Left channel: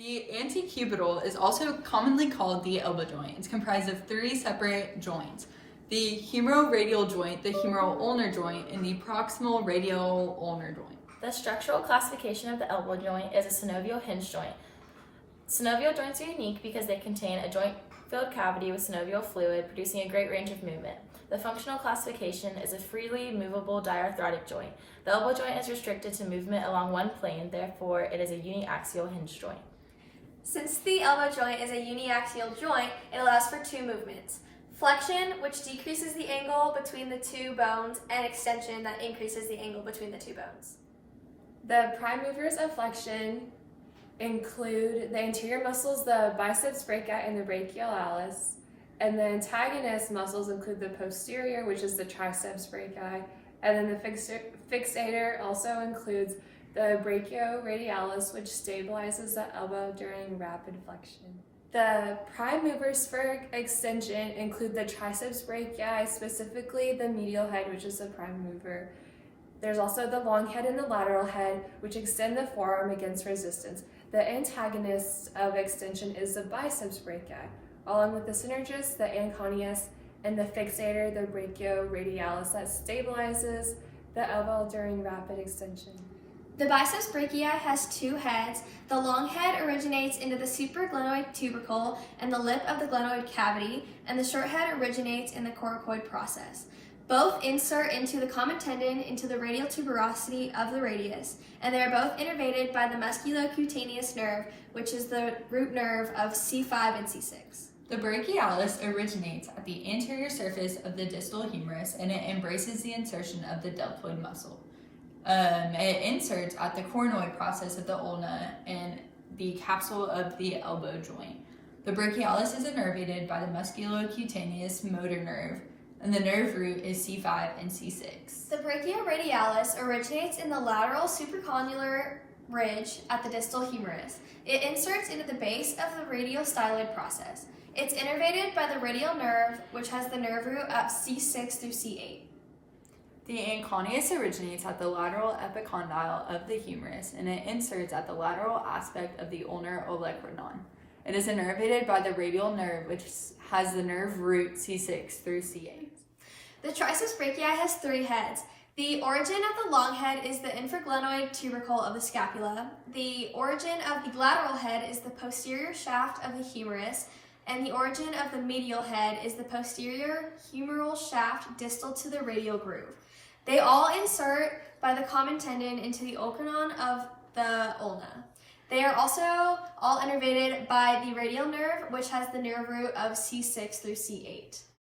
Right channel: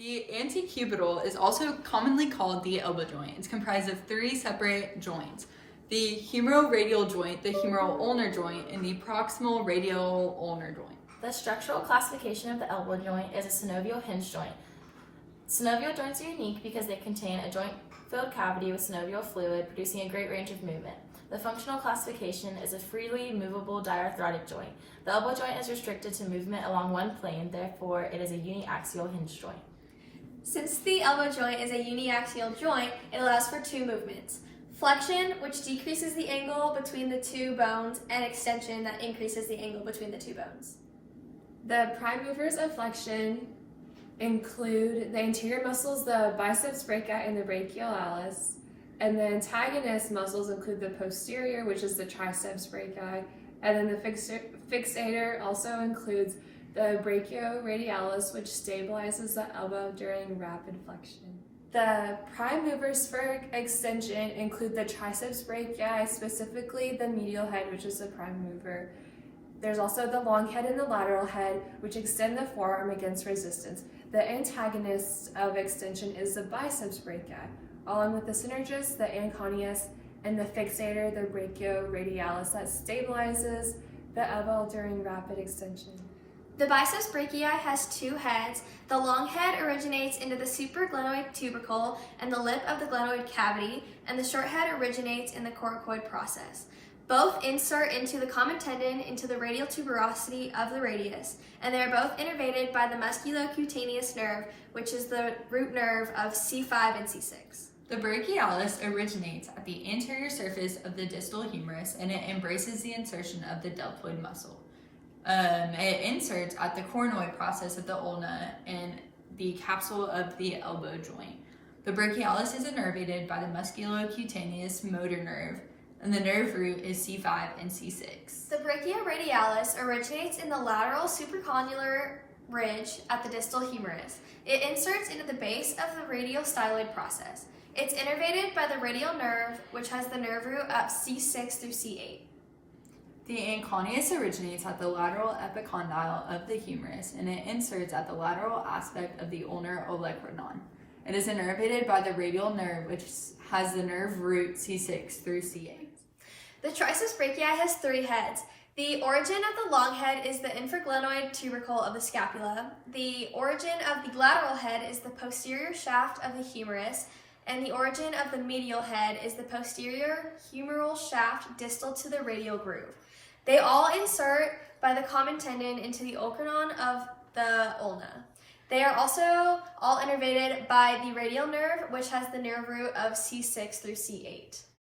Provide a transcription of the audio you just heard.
The antecubital is also commonly called the elbow joint. It's comprised of three separate joints: the humeroradial joint, the humeral ulnar joint, and the proximal radial ulnar joint. The structural classification of the elbow joint is a synovial hinge joint. Synovial joints are unique because they contain a joint-filled cavity with synovial fluid, producing a great range of movement. The functional classification is a freely movable diarthrotic joint. The elbow joint is restricted to movement along one plane, therefore it is a uniaxial hinge joint. Since the elbow joint is a uniaxial joint, it allows for two movements: flexion, which decreases the angle between the two bones, and extension, that increases the angle between the two bones. The prime movers of flexion include the anterior muscles, the biceps brachii and the brachialis, and the antagonist muscles include the posterior, which is the triceps brachii, and then the fixator also includes the brachioradialis, which stabilizes the elbow during rapid flexion. The prime movers for extension include the triceps brachii, specifically the medial head, which is the prime mover. There's also the long head and the lateral head, which extend the forearm against resistance. The antagonist of extension is the biceps brachii, along with the synergist, the anconeus, and the fixator, the brachioradialis, that stabilizes the elbow during rapid extension. The biceps brachii has two heads. The long head originates into the supraglenoid tubercle and the lip of the glenoid cavity, and the short head originates in the coracoid process. Both insert into the common tendon into the radial tuberosity of the radius, and they are both innervated by the musculocutaneous nerve, which is the root nerve of C5 and C6. The brachialis originates at the anterior surface of the distal humerus, and it embraces the insertion of the deltoid muscle. It inserts at the coronoid process of the ulna and the capsule of the elbow joint. The brachialis is innervated by the musculocutaneous motor nerve, and the nerve root is C5 and C6. The brachioradialis originates in the lateral supracondylar ridge at the distal humerus. It inserts into the base of the radial styloid process. It's innervated by the radial nerve, which has the nerve root up C6 through C8. The anconeus originates at the lateral epicondyle of the humerus, and it inserts at the lateral aspect of the ulnar olecranon. It is innervated by the radial nerve, which has the nerve root C6 through C8. The triceps brachii has three heads. The origin of the long head is the infraglenoid tubercle of the scapula. The origin of the lateral head is the posterior shaft of the humerus, and the origin of the medial head is the posterior humeral shaft distal to the radial groove. They all insert by the common tendon into the olecranon of the ulna. They are also all innervated by the radial nerve, which has the nerve root of C6 through C8.